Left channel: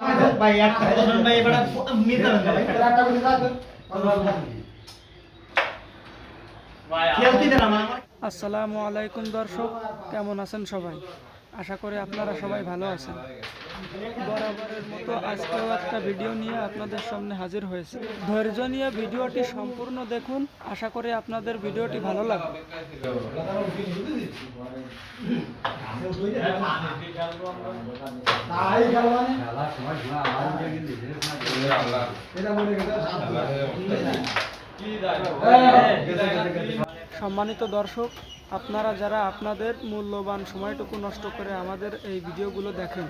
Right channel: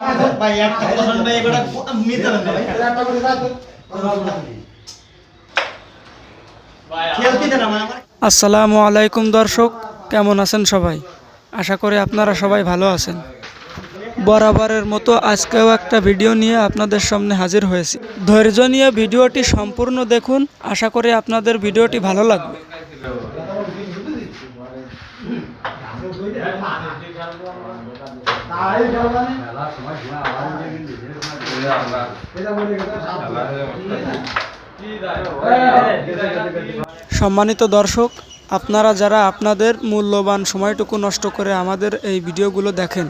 ভাই একটা বসন ভাই এবারে মিতে না ভাই একটা করে দাও খেলতে দেন আমার আসসালামু আলাইকুম দর্শক, কেমন আছেন সবাই? আশা করি আপনারা সবাই ভালো আছেন। বরাবরের মতো আজকেও একটা ভিডিও নিয়ে আপনাদের সামনে হাজির হয়েছি। ধৈর্য নিয়ে ভিডিওটি সম্পূর্ণ দেখুন, আশা করি আপনাদের ভিডিওটি ভালো লাগবে। সম্মানিত দর্শক, আপনারা যারা আপনাদের মূল্যবান সময়টুকু নষ্ট করে আমাদের এই ভিডিওগুলো দেখেন,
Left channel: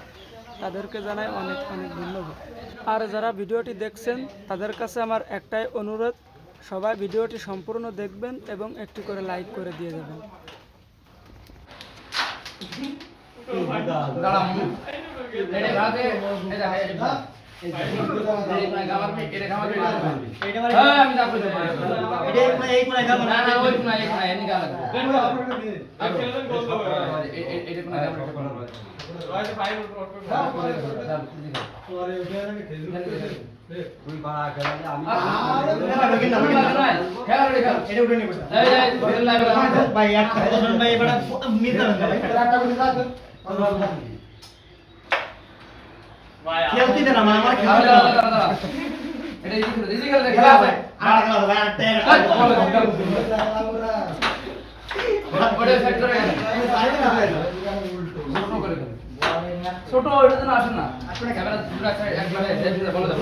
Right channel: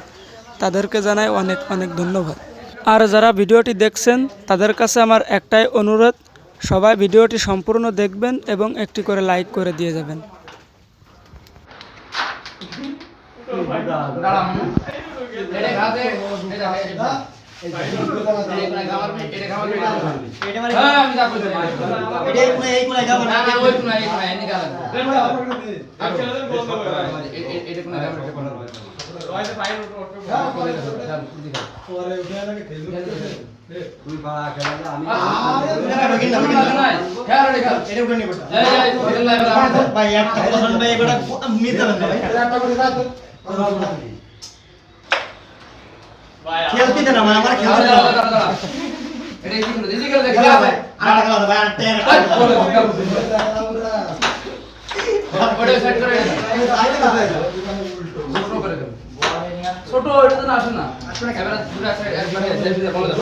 তাদেরকে জানাই অনেক অনেক ধন্যবাদ। আর যারা ভিডিওটি দেখছেন তাদের কাছে আমার একটাই অনুরোধ, সবাই ভিডিওটি সম্পূর্ণ দেখবেন এবং একটি করে লাইক করে দিয়ে যাবেন। ভাই একটা বসন ভাই এবারে মিতে না ভাই একটা করে দাও খেলতে দেন আমার খেলতে দেন এটা কি করে দিদি খেলা দেখলা ভাই আর খেলা ভাই আর বড় সেট করে ছোট এটা তো না আসে না ক্যামেরা পুরো সাইড একবারে জেপিতে বড় দাও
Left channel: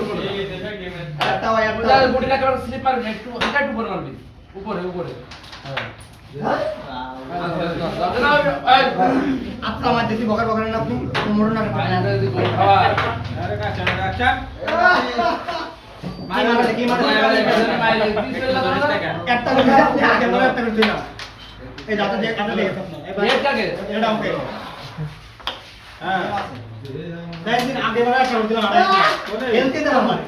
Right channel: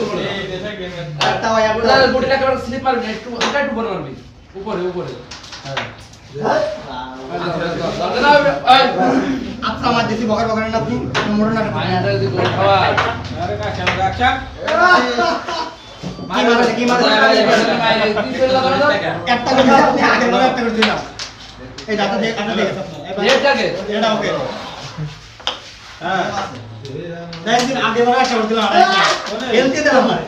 একটা ভাই একটা বডিটা একবার স্লিপ মারবি একটু এটা একটু বড় মারবি উপরে উপরে হ্যাঁ আপনি আমার দেশি বকার বকারেন আপনি মোড় না যদি গোল খাওয়া আরে কাছে আচ্ছা কি মারছে একটা করে আপনি আগে বলে একটা করে দিন এই দাঁতে দিয়ে কাটা দিয়ে এটাকে এটা ওকে হ্যাঁ 10 দিন আগে বলে একটা করে দিলাম আর খেলতে দেন আমারে